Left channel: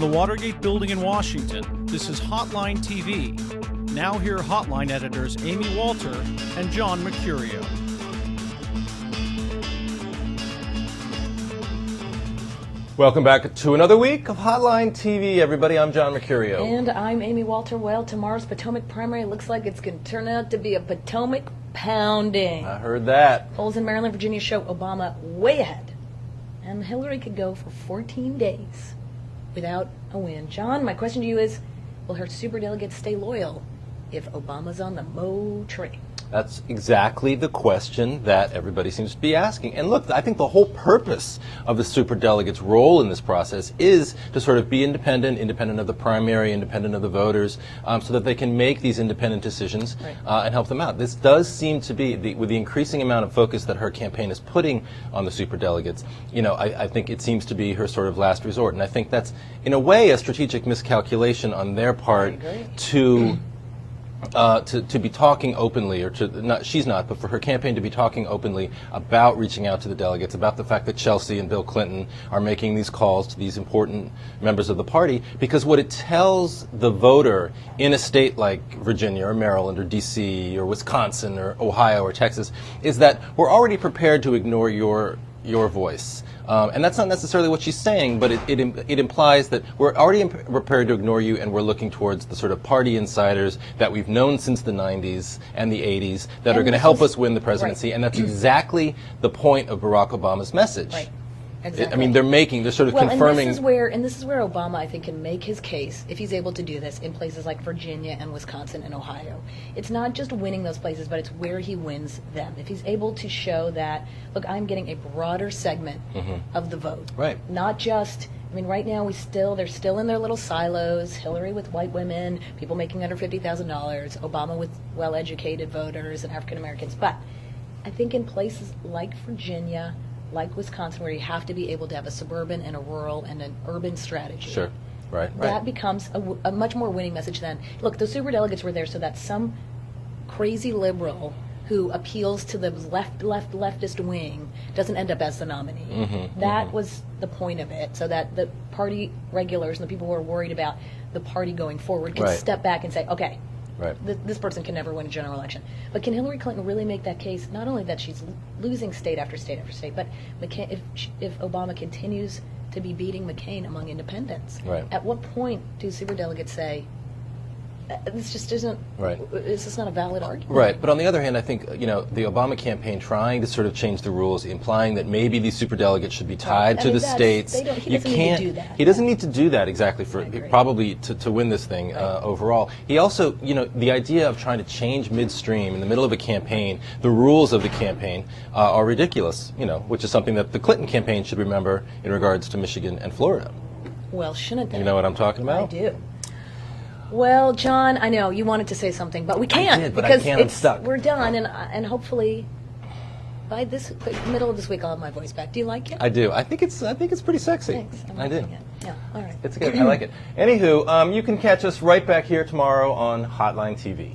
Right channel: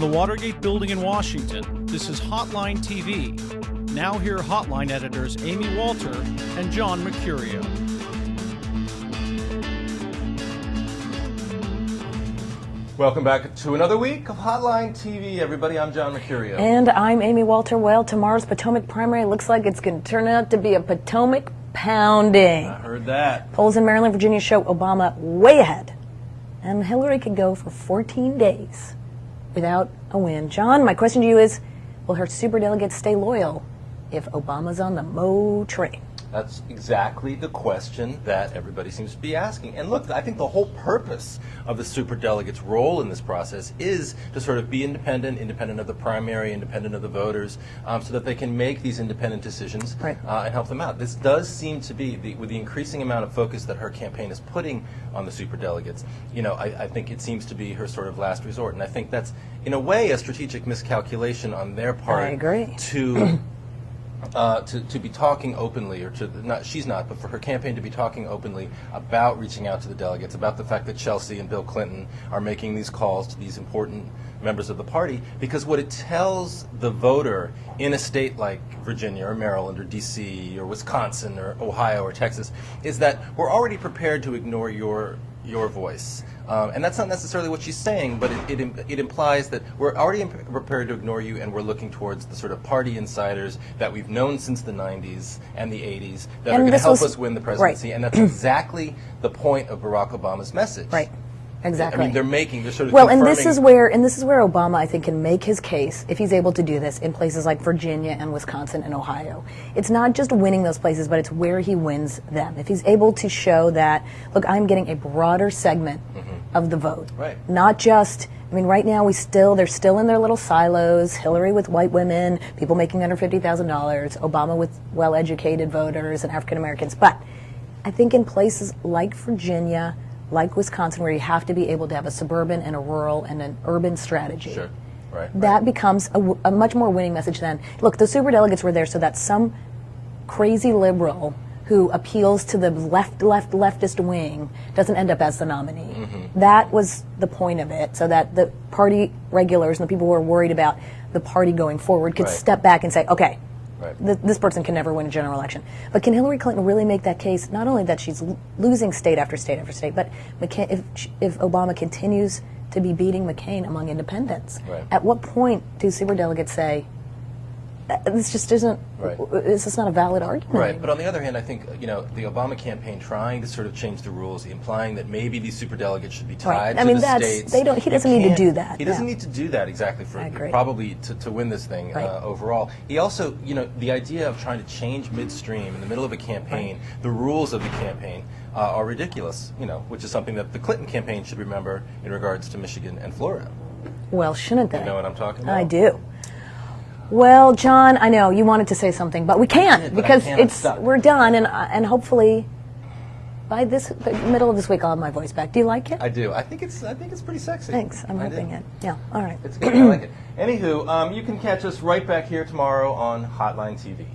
the Watergate Building in Washington, this is Hotline TV. Now here are Hotline editors Amy Walter and John Mercurio. Welcome back to another week of Hotline TV, everybody. I'm John Mercurio. And I'm Amy Walter. Well, tomorrow's Potomac primary looks like it's going to turn out to be a Potomac pounding. I heard that. Polls in Maryland, Virginia show Obama way ahead. And Hillary could go for 14 days without a win. John, my question to you is, will her superdelegates stay loyal if Obama's on the Mo train? That's exactly the question that everybody seems to be asking. And look, I think the whole purpose of the superdelegates' role in this process is to sort of be independent of the primary, independent of the voters, so that they can make these independent decisions and help them out. This does seem to be, with the increasing amount of focus that her campaign is putting on the superdelegates, you know, I think it seems to be her sort of last resort. And I think that's, in a way, a strategic miscalculation on their part. I agree. To be talking openly, or she's not, but for her campaign to be talking openly about reaching out to the delegates, about the fact that Chelsea and Bill Clinton are making these calls to these important members of the party, because what it tells the voter in a state like Virginia or Maryland or D.C. or Wisconsin or Ohio or Texas is that we're already prepared to ignore your voice. And that's not necessarily what she's saying, but it implies that we're already prepared to ignore you, and we're looking towards the sort of party insiders that we've known since the 90s and the 80s that are going to help us win the presidency. And that's exactly the point of Barack Obama's message. Right. Exactly. I mean, they're sort of well, confirming. And this is where Obama, I think, can make his case, if he's able to do this, in places like Virginia and Wisconsin and Ohio. It's not just winning those places, but it's where he wins them. If he's able to show that, look, I'm getting a broader segment of the vote. Right. Not just, I mean, right now they're still in their little silos, Hillary with white women, people making under $50,000, Obama with well-educated voters and African Americans. But I think in places like Virginia, like Wisconsin, where you have to be able to have a suburban and a rural and an urban strategy. Sure. Right. That becomes a much more winning message than, look, the superdelegates were there so that some crazy liberal who appeals to the leftist wing doesn't end up as the nominee. That was the point of it, so that the party regulars and the people who are worried about the party going forward could step back and say, okay, this person can never win a general election. But can Hillary Clinton really make that case, not only that she's losing state after state after state, but if Obama continues to be beating McCain among independents, at what point do superdelegates say, this just isn't, this is not a valid argument? Right, but on the other hand, I think, you know, the Obama campaign trying to sort of change the rules, implying that maybe these superdelegates should be tied to the states. He doesn't need to do that. He doesn't need to do that exactly for probably to win this thing overall. He also, you know, the idea of trying to change midstream in the middle of a campaign, the rules of the campaign are ridiculous, you know, which is something that the Clinton campaign should remember in regards to Michigan and Florida. Well, shouldn't they? You know what I'm talking about? I do. Well, John, I know you wanted to say something, but we can't because we're done, and hopefully by the middle of this week I'll have my voice back. Do you like it? I do. I think it's pretty sexy. Thanks. I'm liking it. Yeah. All right. It's good. I like it. Anywho, you can catch us right back here tomorrow on Hotline TV.